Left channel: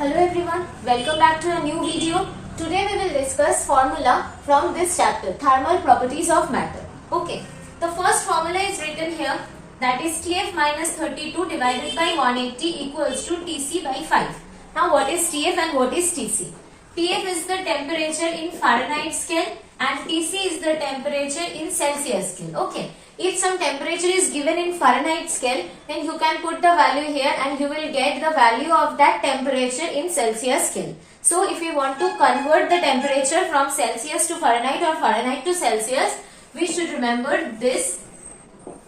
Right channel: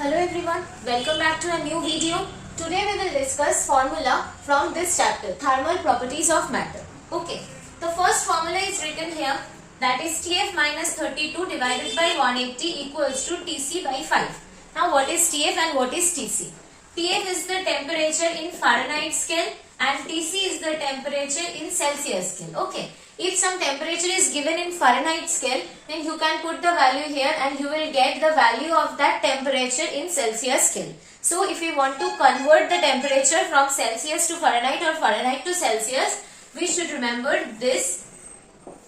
Hello everyone, welcome back to a new video. Today we will discuss formula from this chapter, thermal properties of matter. Okay, the first formula is written here, that is Tf minus 32 divided by 180 equals to Tc by 5. Now what is Tf and what is Tc? Tf is the temperature in Fahrenheit scale and Tc is the temperature in Celsius scale. Okay. If some temperature is given in Fahrenheit scale, then you can put the value here and you will get the value of that temperature in Celsius scale. So if we want to convert the temperature from Celsius to Fahrenheit or Fahrenheit to Celsius, we should remember this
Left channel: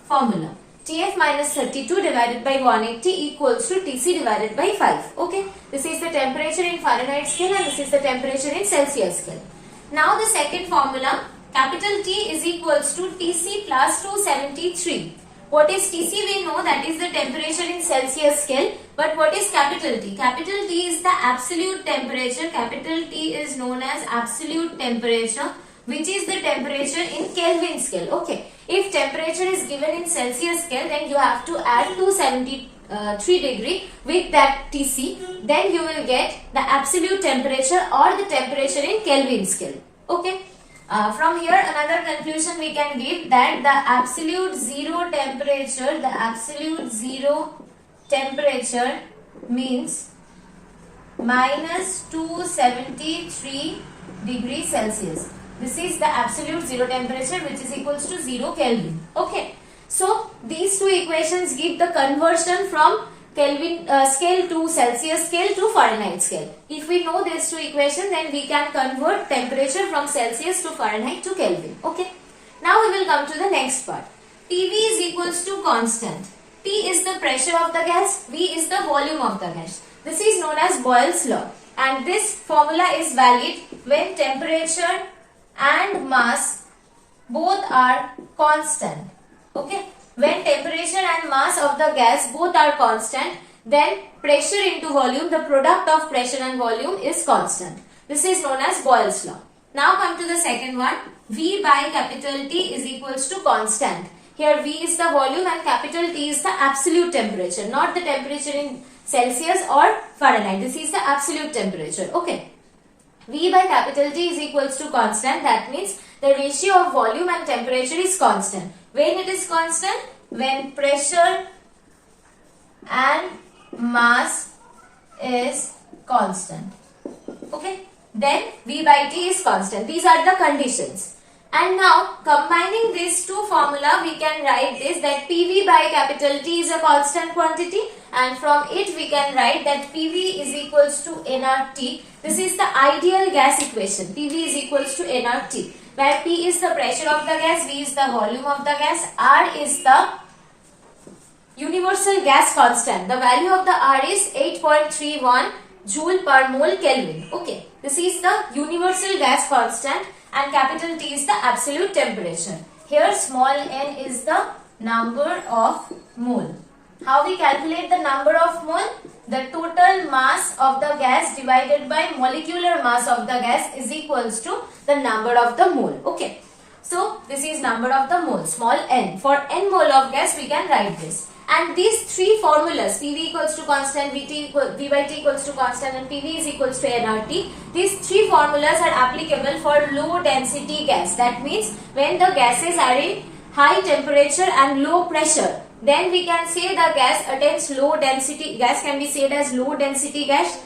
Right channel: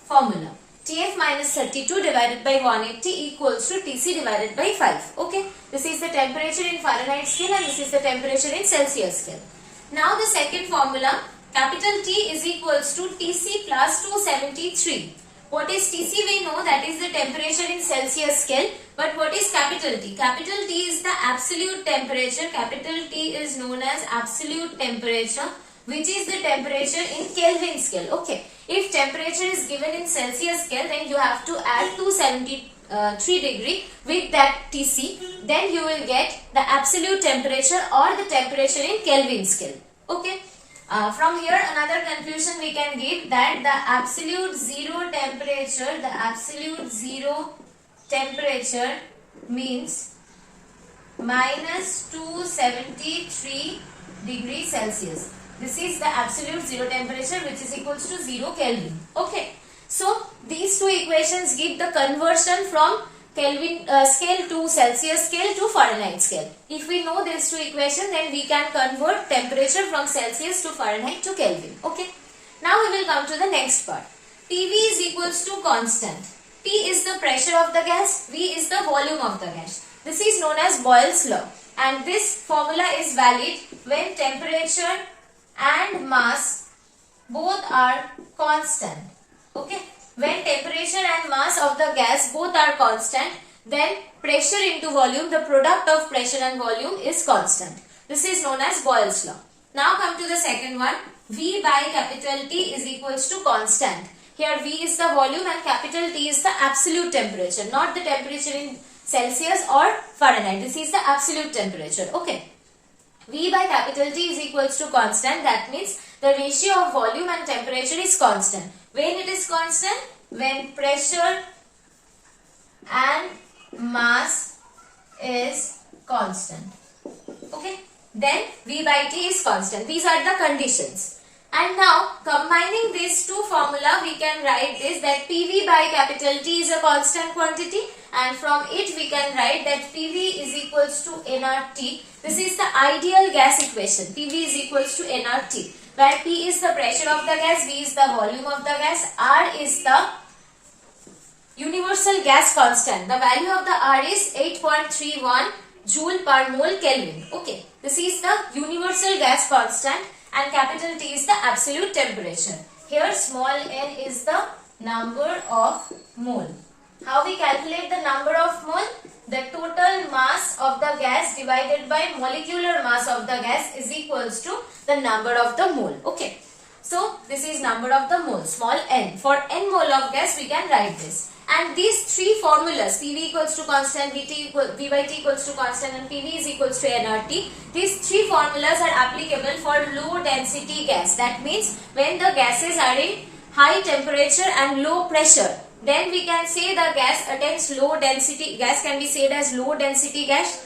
formula. Tf minus 32 divided by 180 equals to Tc divided by 5. Okay, this is the temperature in Fahrenheit scale and this is the temperature in Celsius scale. Now the second formula, capital T is equals to Tc plus 273. What is Tc? We know that is the temperature in Celsius scale. But what is capital T? Capital T is the absolute temperature. Capital T is known as absolute temperature, which is the temperature in Kelvin scale. Okay. If temperature is given in Celsius scale, then you have to add 273 degree with that Tc. Then you will get the absolute temperature or the temperature in Kelvin scale. Okay. From here another conclusion we can give that the absolute zero temperature means minus 273 degrees Celsius. This is the absolute zero temperature which is equals to 0 Kelvin. Okay. So these two equations give the conversion from Kelvin scale to Celsius scale to Fahrenheit scale. If we know these two equations, then we can convert temperature from Celsius to Fahrenheit to Kelvin. Okay. Now we will come to the next part. PV is equals to constant. T is the pressure of the gas. V is the volume of the gas. This is known as Boyle's law. And this formula is valid when temperature and mass both are constant. Okay. When temperature and mass of the gas both are constant, then pressure into volume, the product of pressure and volume is constant. This is known as Boyle's law. Now come to the second one. V by capital T is equals to constant. Here V is the volume and capital T is the absolute temperature, not the temperature in Celsius or Fahrenheit. This is the absolute temperature. Okay. V by capital T is equals to constant. That means the ratio of volume and temperature is constant. When it is constant? When pressure and mass is constant. Okay. Then V by T is constant. These are the conditions. And now combining these two formula, we can write this, that PV by capital T is a constant quantity, and from it we can write that PV is equals to nRT. This is the ideal gas equation. PV is equals to nRT, where P is the pressure of the gas, V is the volume of the gas, R is the universal gas constant. The value of the R is 8.31 joule per mole Kelvin. Okay, this is the universal gas constant and capital T is the absolute temperature. Here small n is the number of mole. How we calculate the number of mole? The total mass of the gas divided by molecular mass of the gas is equals to the number of the mole. Okay. So this is number of the mole, small n. For n mole of gas we can write this. And these three formulas, PV equals to constant, V by T equals to constant and PV is equals to nRT. These three formulas are applicable for low density gas. That means when the gases are in high temperature and low pressure, then we can say the gas attains low density, gas can be said as low density gas.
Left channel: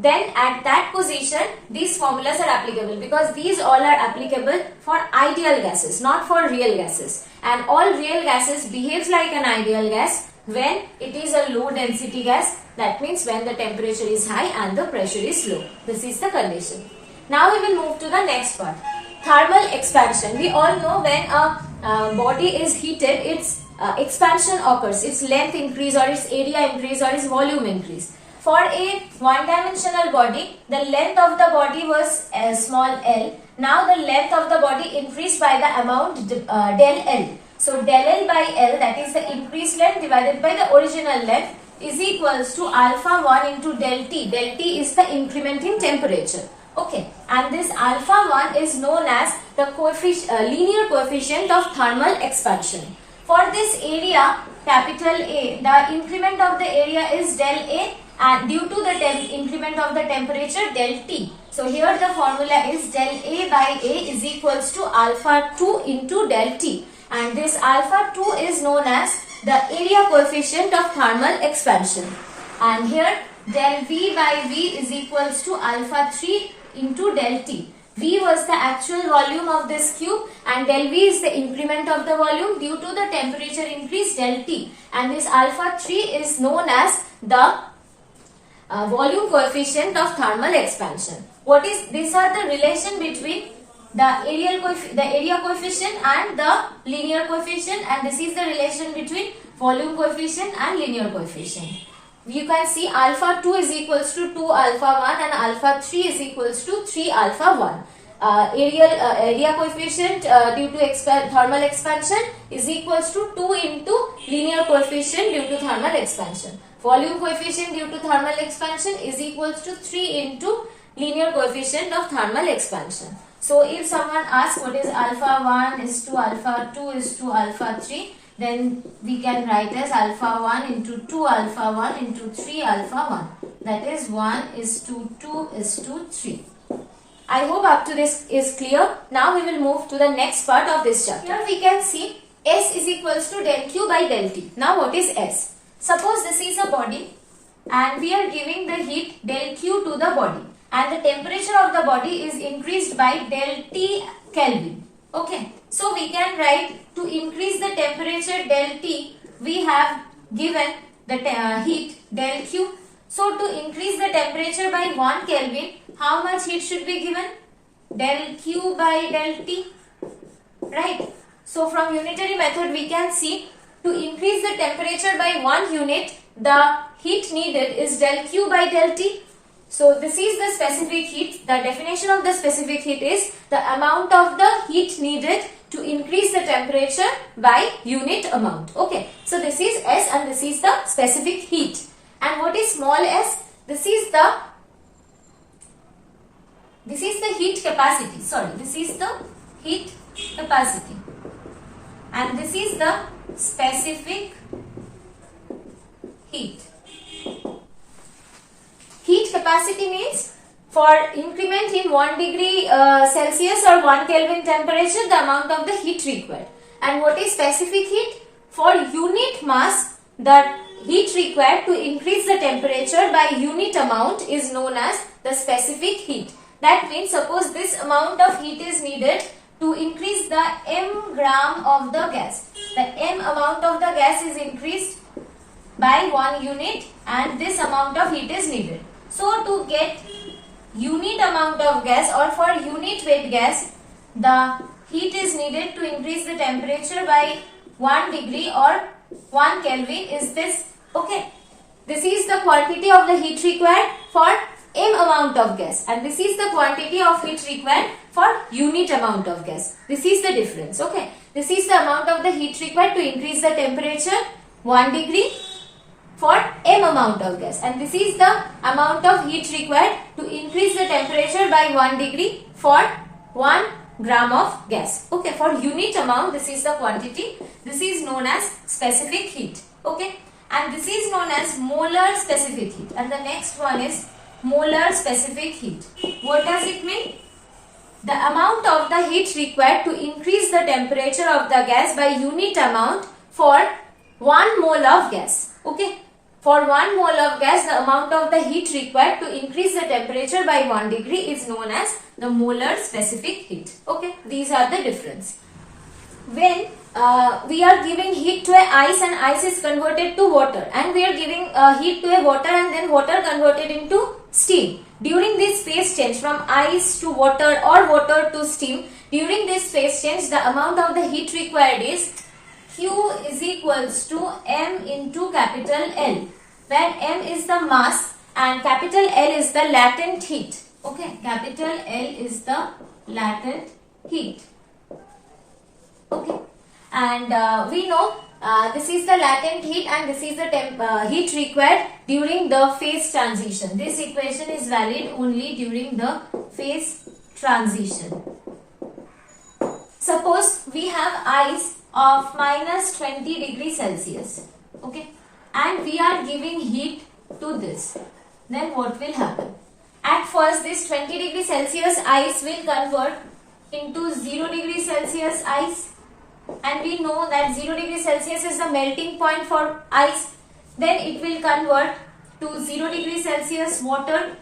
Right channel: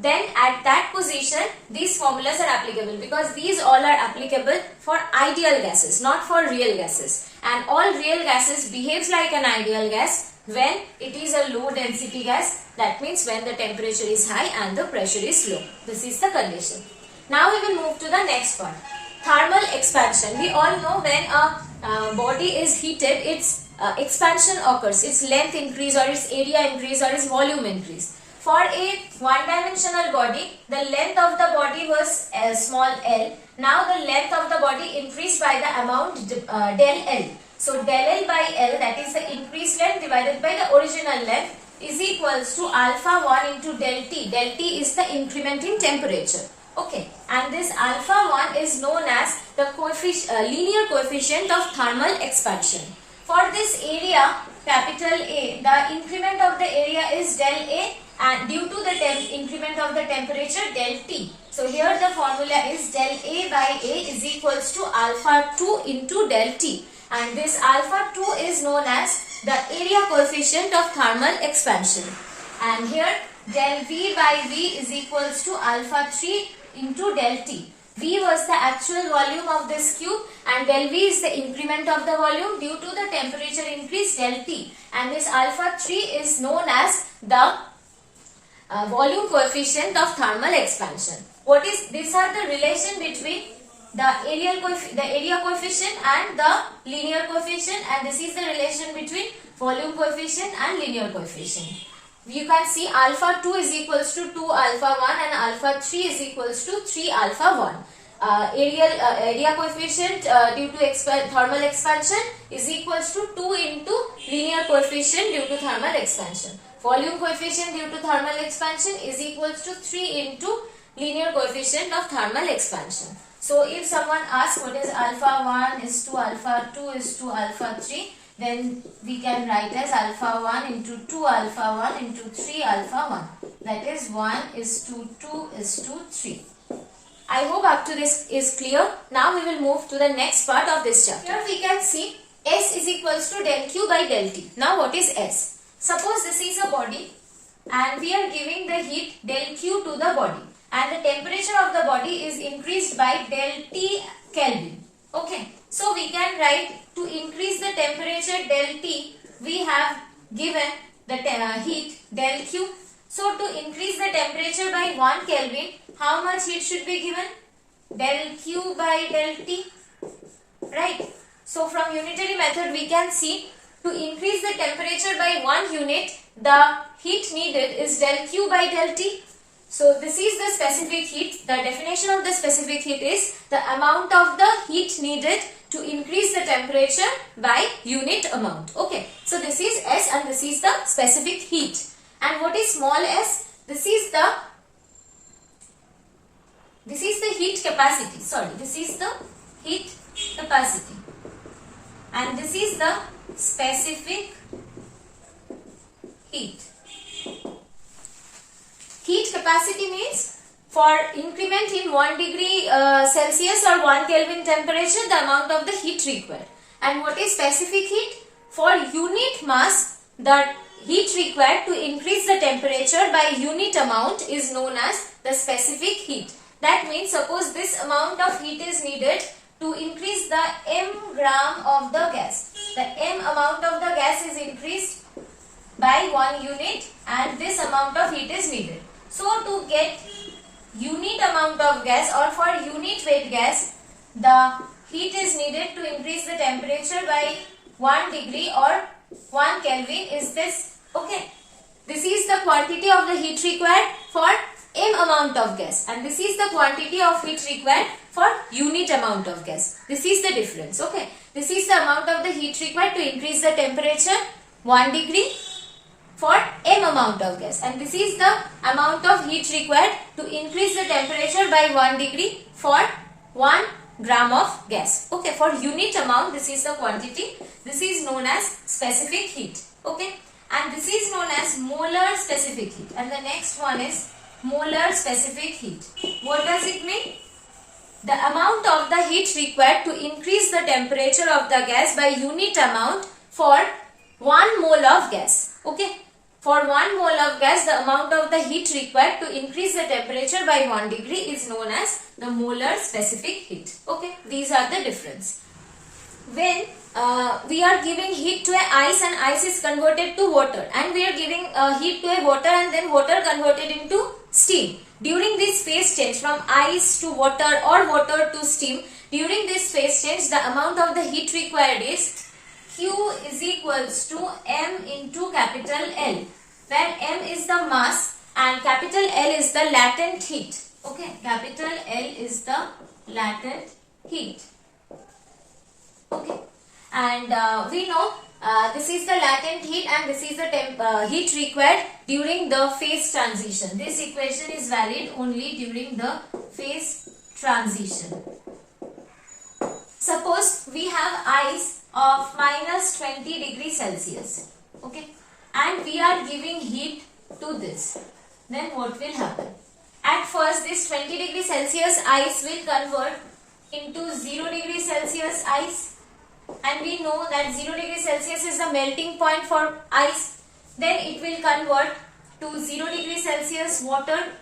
Then at that position, these formulas are applicable because these all are applicable for ideal gases, not for real gases. And all real gases behaves like an ideal gas when it is a low density gas. That means when the temperature is high and the pressure is low. This is the condition. Now we will move to the next part. Thermal expansion. We all know when a body is heated, its expansion occurs. Its length increase or its area increase or its volume increase. For a one-dimensional body, the length of the body was small l. Now the length of the body increased by the amount del L. So del L by L, that is the increased length divided by the original length, is equals to alpha 1 into del T. Del T is the increment in temperature. Okay, and this alpha 1 is known as the linear coefficient of thermal expansion. For this area, capital A, the increment of the area is del A and due to the increment of the temperature del T. So here the formula is del A by A is equals to alpha 2 into del T, and this alpha 2 is known as the area coefficient of thermal expansion, and here del V by V is equals to alpha 3 into del T. V was the actual volume of this cube and del V is the increment of the volume due to the temperature increase del T, and this alpha 3 is known as the volume coefficient of thermal expansion. These are the relation between the area coefficient and the linear coefficient, and this is the relation between volume coefficient and linear coefficient. You can see alpha 2 is equals to 2 alpha 1 and alpha 3 is equals to 3 alpha 1. Area coefficient due to thermal expansion is equals to 2 into linear coefficient due to thermal expansion. Volume coefficient due to thermal expansion is equals to 3 into linear coefficient of thermal expansion. So if someone asks what is alpha 1 is to alpha 2 is to alpha 3, then we can write as alpha 1 into 2 alpha 1 into 3 alpha 1. That is 1 is to 2 is to 3. I hope up to this is clear. Now we will move to the next part of this chapter. Here we can see S is equals to del Q by del T. Now what is S? Suppose this is a body and we are giving the heat del Q to the body, and the temperature of the body is increased by del T Kelvin. Okay, so we can write to increase the temperature del T, we have given the heat del Q. So to increase the temperature by 1 Kelvin, how much heat should be given? Del Q by del T, right? So from unitary method we can see to increase the temperature by 1 unit, the heat needed is del Q by del T. So this is the specific heat. The definition of the specific heat is the amount of the heat needed to increase the temperature by unit amount. Okay, so this is S and this is the specific heat. And what is small s? This is the heat capacity. Sorry, this is the heat capacity, and this is the specific heat. Heat capacity means for increment in 1 degree Celsius or 1 Kelvin temperature, the amount of the heat required. And what is specific heat? For unit mass, the heat required to increase the temperature by unit amount is known as the specific heat. That means suppose this amount of heat is needed to increase the m gram of the gas. The m amount of the gas is increased by 1 unit and this amount of heat is needed. So to get unit amount of gas or for unit weight gas, the heat is needed to increase the temperature by 1 degree or 1 Kelvin is this. Okay, this is the quantity of the heat required for m amount of gas, and this is the quantity of heat required for unit amount of gas. This is the difference. Okay, this is the amount of the heat required to increase the temperature 1 degree for m amount of gas, and this is the amount of heat required to increase the temperature by 1 degree for 1 gram of gas. Okay, for unit amount this is the quantity. This is known as specific heat. Okay, and this is known as molar specific heat, and the next one is molar specific heat. What does it mean? The amount of the heat required to increase the temperature of the gas by unit amount for 1 mole of gas. Okay, for 1 mole of gas, the amount of the heat required to increase the temperature by 1 degree is known as the molar specific heat. Okay, these are the difference. When we are giving heat to a ice and ice is converted to water, and we are giving heat to a water and then water converted into steam. During this phase change from ice to water or water to steam, during this phase change the amount of the heat required is Q is equals to M into capital L, where M is the mass and capital L is the latent heat. Okay, capital L is the latent heat. Okay, and we know this is the latent heat and this is the heat required during the phase transition. This equation is valid only during the phase transition. Suppose we have ice of minus 20 degrees Celsius. Okay, and we are giving heat to this, then what will happen? At first, this 20 degree Celsius ice will convert into 0 degree Celsius ice, and we know that 0 degree Celsius is the melting point for ice. Then it will convert to 0 degree Celsius water,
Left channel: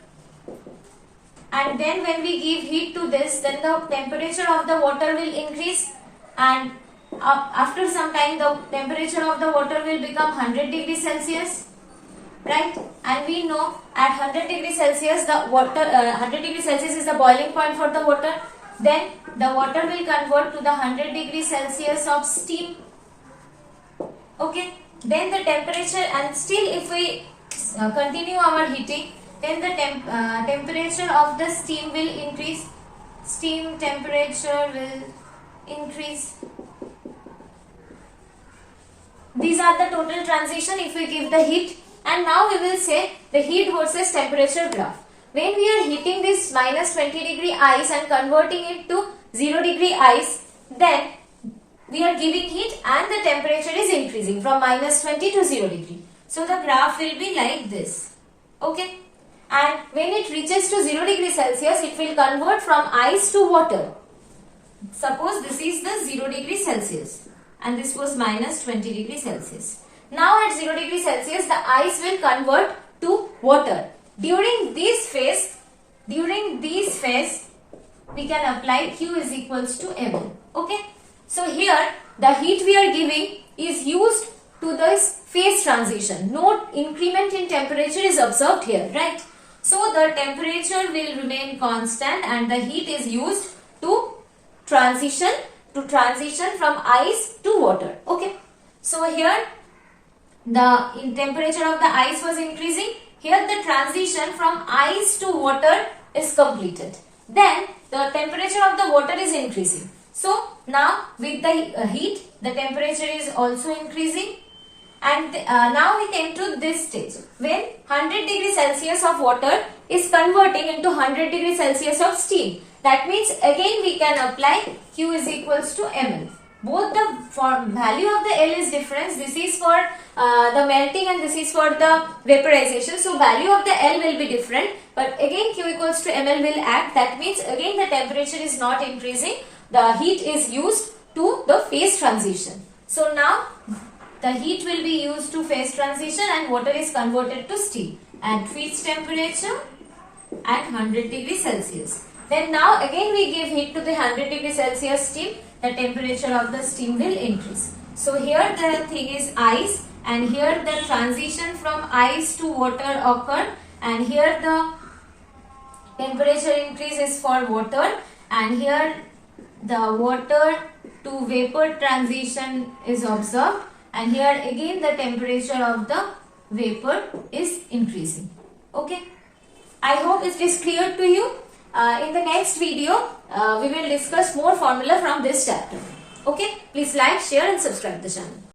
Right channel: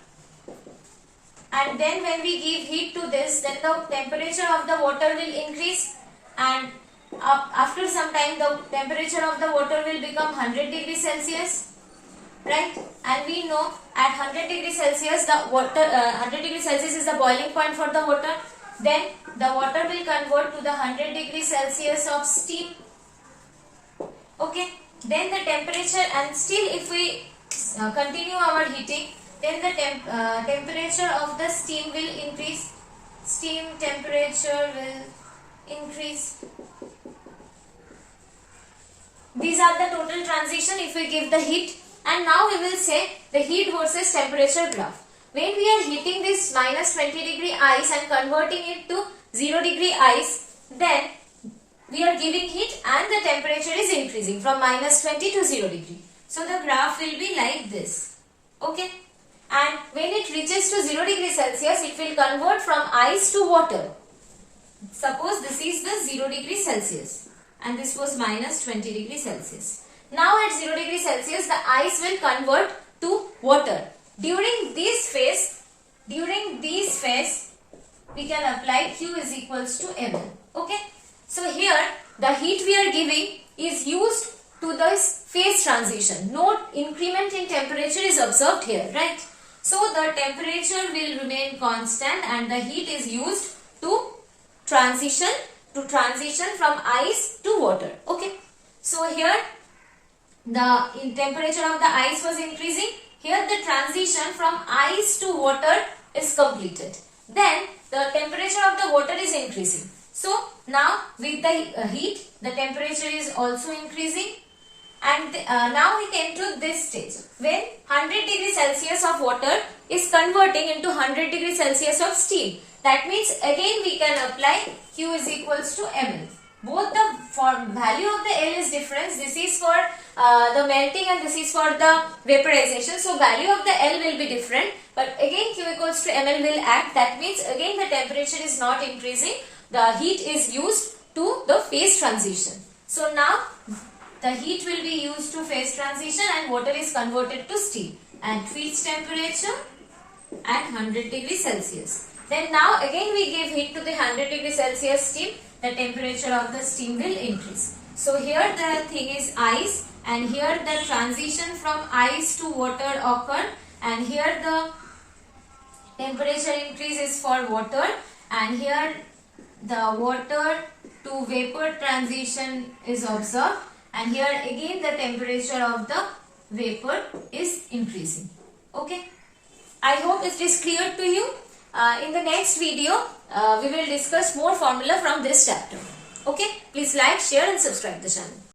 and then when we give heat to this, then the temperature of the water will increase, and after some time the temperature of the water will become 100 degree Celsius, right? And we know at 100 degree Celsius the water 100 degree Celsius is the boiling point for the water. Then the water will convert to the 100 degree Celsius of steam. Okay, then the temperature, and still if we continue our heating, then the temperature of the steam will increase. Steam temperature will increase. These are the total transition if we give the heat. And now we will say the heat versus temperature graph. When we are heating this minus 20 degree ice and converting it to 0 degree ice, then we are giving heat and the temperature is increasing from minus 20 to 0 degree. So the graph will be like this. Okay. And when it reaches to 0 degree Celsius, it will convert from ice to water. Suppose this is the 0 degree Celsius and this was minus 20 degree Celsius. Now at 0 degree Celsius, the ice will convert to water. During this phase, we can apply Q is equals to ml. Okay. So here the heat we are giving is used to this phase transition. No increment in temperature is observed here, right? So the temperature will remain constant and the heat is used to transition from ice to water. Okay. So here the temperature of the ice was increasing. Here the transition from ice to water is completed. Then the temperature of the water is increasing. So now with the heat, the temperature is also increasing. And now we came to this stage when 100 degree Celsius of water is converting into 100 degree Celsius of steam. That means again we can apply Q is equals to ml. Both the value of the L is different. This is for the melting and this is for the vaporization. So value of the L will be different. But again Q equals to ml will act. That means again the temperature is not increasing. The heat is used to the phase transition. So now the heat will be used to phase transition and water is converted to steam at fixed temperature at 100 degree Celsius. Then now again we give heat to the 100 degree Celsius steam. The temperature of the steam will increase. So here the thing is ice, and here the transition from ice to water occurred, and here the temperature increase is for water, and here the water to vapor transition is observed, and here again the temperature of the vapor is increasing. Okay. I hope it is clear to you. In the next video, we will discuss more formula from this chapter. Okay, please like, share and subscribe the channel.